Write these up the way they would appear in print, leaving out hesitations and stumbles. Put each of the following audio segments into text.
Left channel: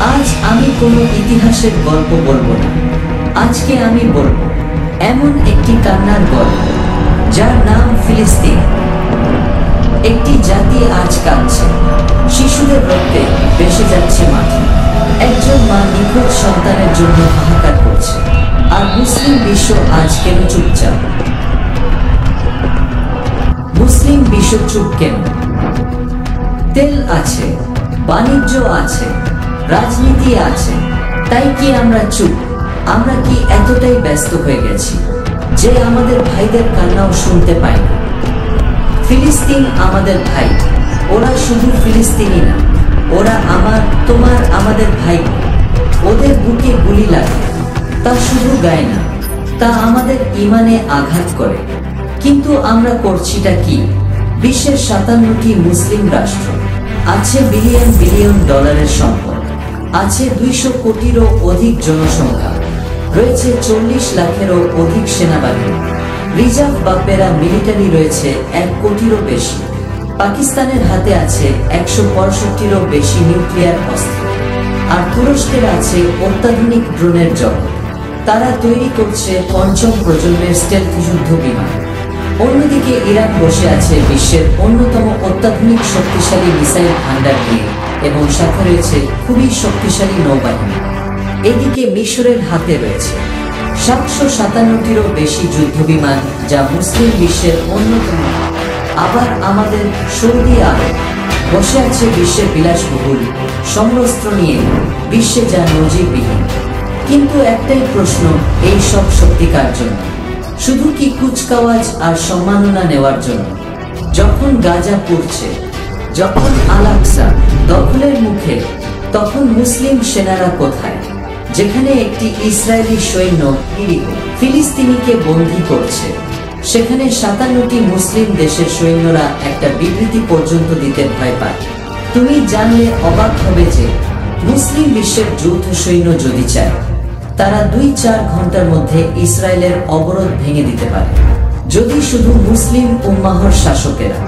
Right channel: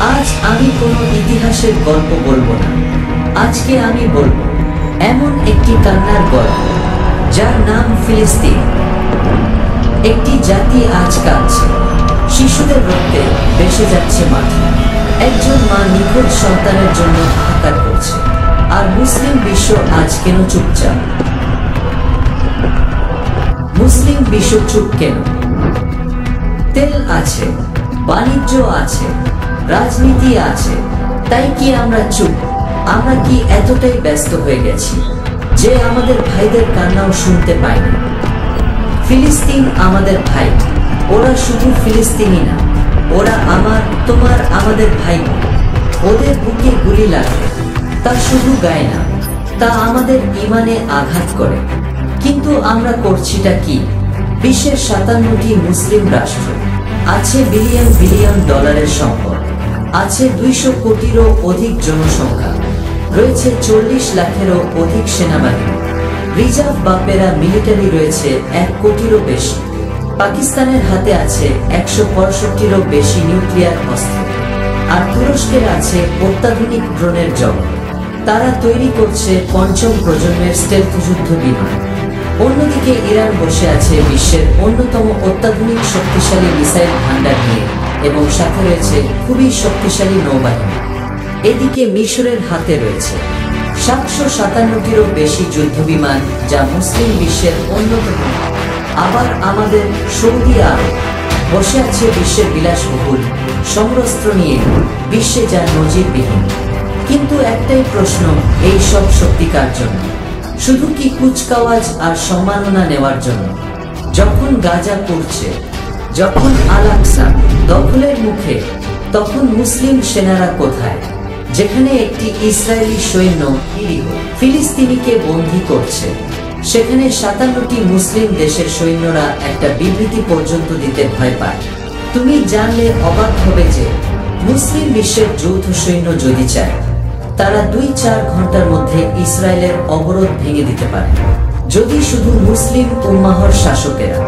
আজ আমি কোনো ইতিহাসের গল্প বলবো না। আজকে আমি বলবো এমন একটি কান্নার গল্প যার নাম ফিলিস্তিন। একটি জাতি আজ কাঁদছে, শিশুদের রক্তে ভেসে যাচ্ছে মাটি। একজন মা নিখোঁজ সন্তানের জন্য হাহাকার করছে। আর মুসলিম বিশ্ব আজ কেন চুপচাপ? মুসলিম বিশ্ব চুপ কেন? তেল আছে, বাণিজ্য আছে, রাজনীতি আছে, তাই কি আমরা চুপ? আমরা কি এতটাই ব্যস্ত হয়ে গেছি যে আমাদের ভাইদের কান্নাও শুনতে পাই না? ফিলিস্তিন আমাদের ভাই। ওরা শুধু ফিলিস্তিনি না, ওরা আমার, তোমার, আমাদের ভাই। ওদের বুকে গুলি লাগে, তা শুধু গায়ে না, তা আমাদের ইমানে আঘাত করে। কিন্তু আমরা করছিটা কি? বিশ্বের 57টি মুসলিম রাষ্ট্র, আছে বিলিয়ন বিলিয়ন ডলারের সম্পদ, আছে 200 কোটিরও অধিক জনসংখ্যা, রয়েছে 40 লাখেরও অধিক সেনাবাহিনী, রিজার্ভ বা প্যারা মিলিটারি রয়েছে 1 কোটিরও বেশি। পাকিস্তানের হাতে আছে 165টিরও বেশি নিউক্লিয়ার অস্ত্র, আর তুরস্কের আছে অত্যাধুনিক ড্রোনের জগৎ। তারা তৈরি করছে 5ম প্রজন্মের স্টেলথ যুদ্ধ বিমান। অন্যদিকে ইরান বসে আছে বিশ্বের অন্যতম অত্যাধুনিক শক্তিশালী মিসাইল ভান্ডার নিয়ে, এবং সাথে রয়েছে খুবই শক্তিশালী নৌবাহিনী। এদিকে মিশরের হাতে রয়েছে 757টিরও বেশি যুদ্ধবিমান, যা মুসলিম বিশ্বের অন্যতম। আবার আমাদের সৌদি আরব বসে আছে বিশ্বের বিলাসবহুল সমরাস্ত্র নিয়ে, বিশ্বে যা নজিরবিহীন। কিন্তু একটাই প্রশ্ন, এই সব সত্যিকার জন্য? শুধু কি কুচকাওয়াজ আর সম্মাননা নেওয়ার জন্য? যখন গাজা পড়ছে, যখন আল-আকসা দখলের মুখে, তখন মুসলিম সেনারা কোথায়? যেখানে একটি ইসরায়েলি সৈন্য নিরীহ ফিলিস্তিনিকে বন্দী করছে, সেখানে 57টি মুসলিম দেশের সৈন্যরা একটা বিবৃতি পর্যন্ত দিতে ভয় পায়। তুমি জানলে অবাক হবে যে মুসলিম বিশ্বের যৌথ সৈন্য যদি চায়, তারা 2-4 ঘন্টার মধ্যে ইসরায়েলের অবরোধ ভেঙে দিতে পারে, যদি শুধু মুসলিম উম্মাহর শাসকেরা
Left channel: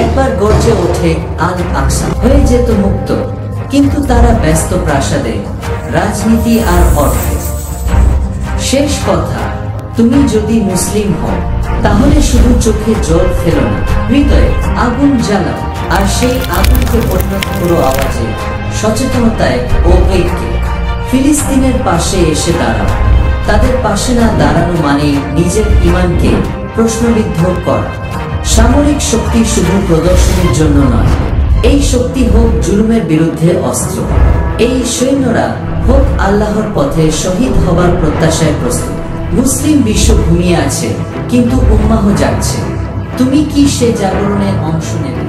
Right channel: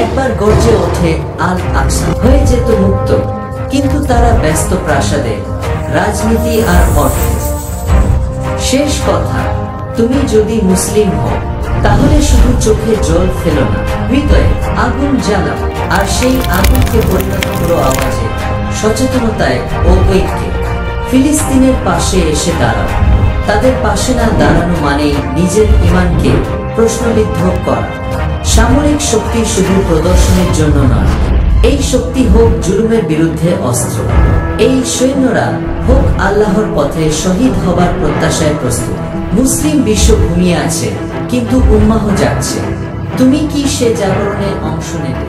একবার গর্জে ওঠে আল-আকসা হয়ে যেত মুক্ত। কিন্তু তারা ব্যস্ত প্রাসাদে, রাজনীতি আর অর্থে। শেষ কথা, তুমি যদি মুসলিম হও, তাহলে শুধু চোখে জল ফেলো না, হৃদয়ে আগুন জ্বালাও, আর সেই আগুনকে পরিণত করো আওয়াজে, সচেতনতায় ও ঐক্যে। ফিলিস্তিনের পাশে এসে দাঁড়াও। তাদের পাশে না দাঁড়ানো মানে নিজের ইমানকে প্রশ্নবিদ্ধ করা। সামরিক শক্তি শুধু প্রদর্শনের জন্য নয়, এই শক্তি হোক জুলুমের বিরুদ্ধে অস্ত্র। এই সৈন্যরা হোক আল্লাহর পথে শহীদ হবার প্রত্যাশায় প্রস্তুত। মুসলিম বিশ্ব ঘুমিয়ে আছে, কিন্তু উম্মাহ জাগছে। তুমি কি সে জাগরণে অংশ নেবে?